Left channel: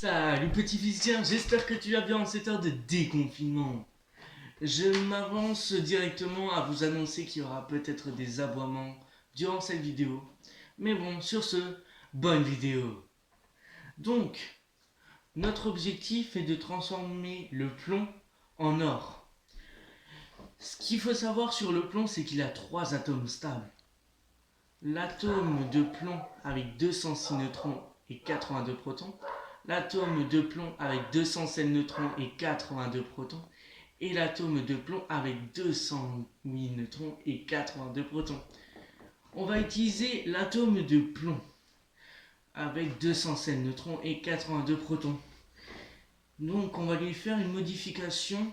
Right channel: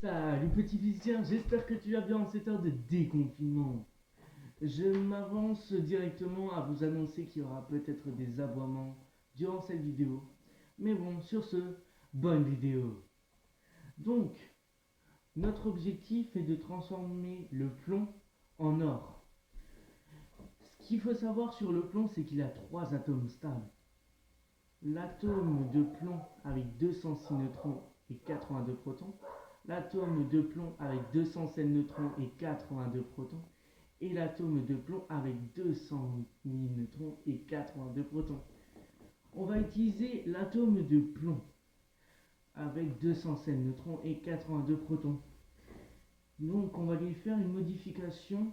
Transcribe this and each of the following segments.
Salut petit physicien, j'espère que tu vas bien en cette heure de déconfinement. Je m'avance directement à vous annoncer qu'il y aura peut-être des aboiements durant cette vidéo. Mais bon, sur ce, bonne vidéo. Donc, notre objectif est de transformer le plomb en or. Ce qu'il faut savoir sur le plomb, c'est qu'il a 3 atomes stables. L'atome de plomb avec 206 neutrons et 82 protons, l'atome de plomb avec 207 neutrons et 82 protons, et l'atome de plomb avec 208 neutrons et 82 protons. On va utiliser l'atome de plomb avec 207 neutrons et 82 protons. Donc on va lui faire une modification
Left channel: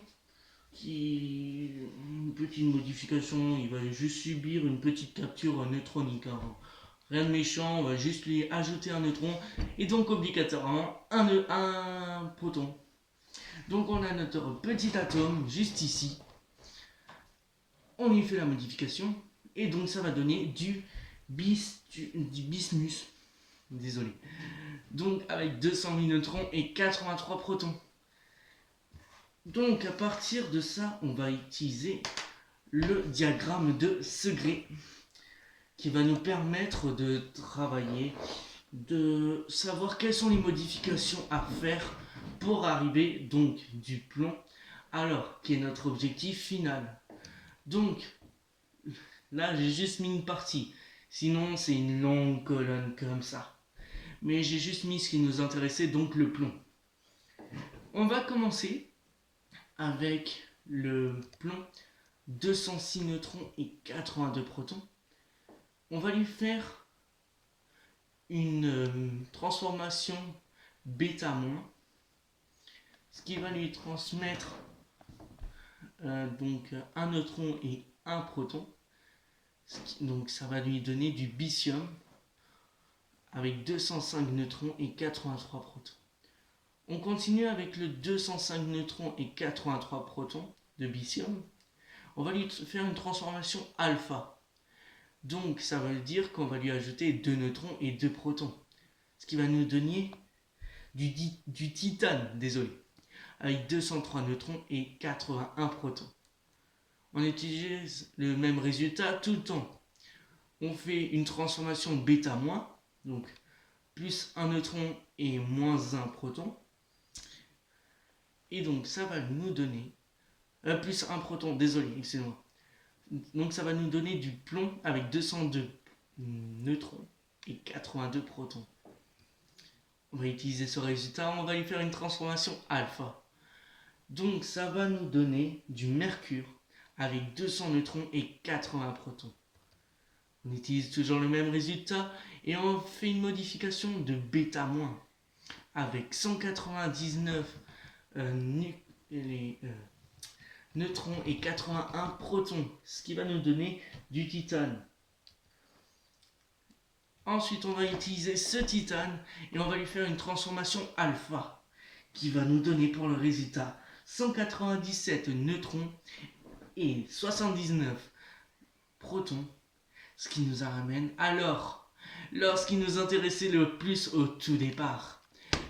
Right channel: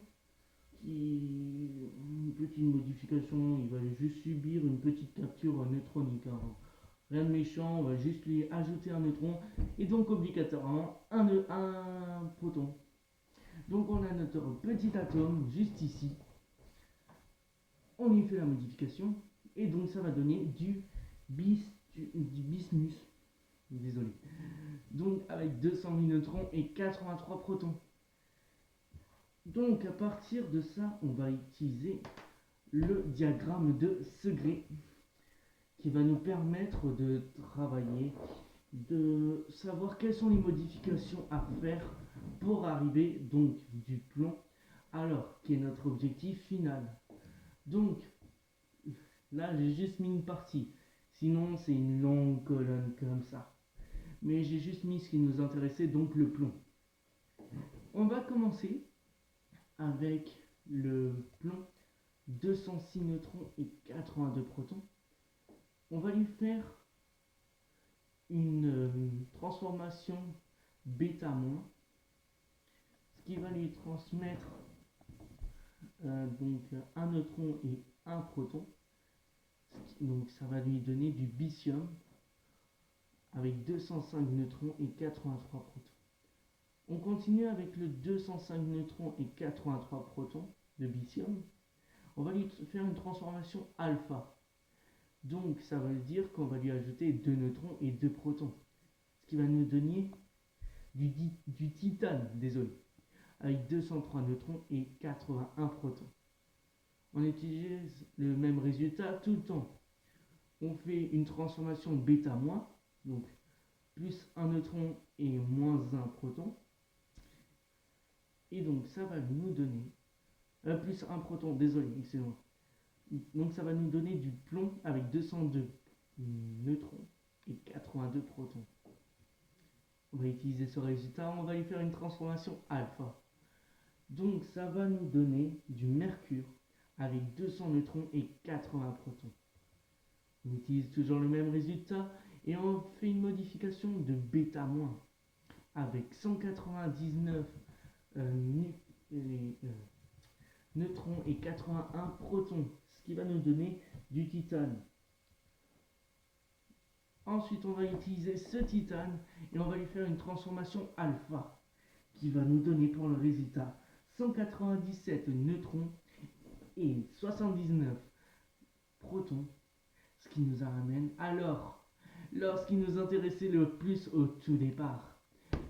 une petite modification, il va juste subir une petite capture neutronique. Rien de méchant, on va juste lui ajouter un neutron et donc obligatoirement un proton. Donc on a notre petit atome juste ici. On lui fait la modification et donc ça va donner du bismuth. Désolé. Donc avec 208 neutrons et 83 protons. Donc à partir de ça, on va utiliser le diagramme de Segrè qui va nous permettre de travailler, de savoir quelles sont les modifications à faire pour arriver donc du plomb à l'or, qui est notre objectif final. Donc là j'ai juste mis une partie, sinon c'est une longue colonne comme ça. Mais j'ai juste mis ce qui nous intéressait, donc le plomb. On va commencer avec le plomb, 206 neutrons et 82 protons. On va lui faire une transformation bêta-, ce qui va lui transmettre donc un neutron et un proton. Donc ça va lui donner du bithium avec 205 neutrons et 83 protons. On continue avec le 205 neutrons et 83 protons de bithium. On va lui faire une transformation alpha. Donc ça veut dire qu'on va lui ajouter 2 neutrons et 2 protons. Ce qui va nous donner du titane, désolé, avec 203 neutrons et 81 protons. On utilise le même résultat tout le temps. On fait une transformation bêta-, donc plus un neutron et moins un proton. Et donc ça va nous donner plus un proton, désolé, excusez-moi. Donc ça va nous donner du plomb avec 202 neutrons et 82 protons. On va utiliser ce résultat, on va lui faire une transformation alpha. Donc ça va nous donner du mercure avec 200 neutrons et 80 protons. On utilise toujours le même résultat et on fait une modification de bêta-, avec 199 neutrons et 81 protons, ce qui va nous donner du titane. Ensuite, on va utiliser ce titane et on va lui faire une transformation alpha qui va nous donner pour le résultat 197 neutrons et 79 protons, ce qui nous ramène à l'or, ce qui nous intéressait le plus au tout départ.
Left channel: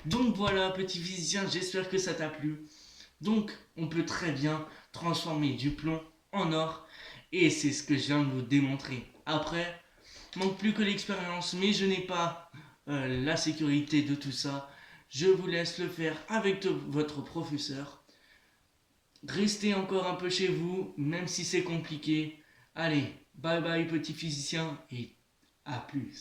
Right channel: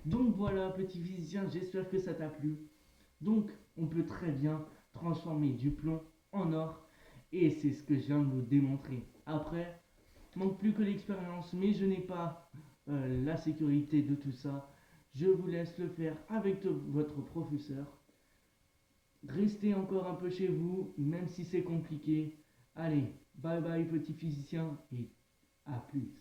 Donc voilà, petit physicien, j'espère que ça t'a plu. Donc on peut très bien transformer du plomb en or et c'est ce que je viens de vous démontrer. Après, manque plus que l'expérience, mais je n'ai pas la sécurité de tout ça. Je vous laisse le faire avec votre professeur. Restez encore un peu chez vous, même si c'est compliqué. Allez, bye bye petit physicien et à plus.